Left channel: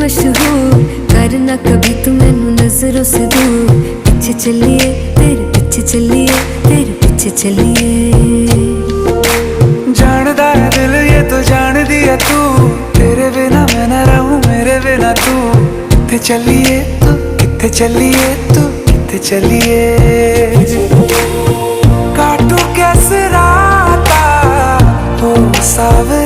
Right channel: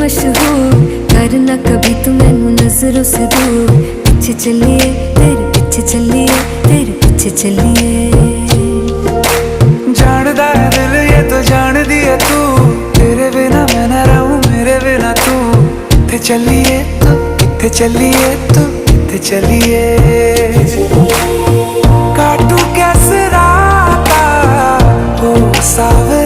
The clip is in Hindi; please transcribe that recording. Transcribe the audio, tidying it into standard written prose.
मशहूर, करना कभी तू मैनू नजरों से दूर। पीछे चलिए तेरे पीछे चलिए, तेरे पीछे चलिए। जानदा है दिल ये तो जान दिया तू, तेरे बिना मैं ना रहूं मेरे बिना तू। किथे चलिए तू, किथे चलिए तू, किथे चलिए। काटू कैसे राता हो सावे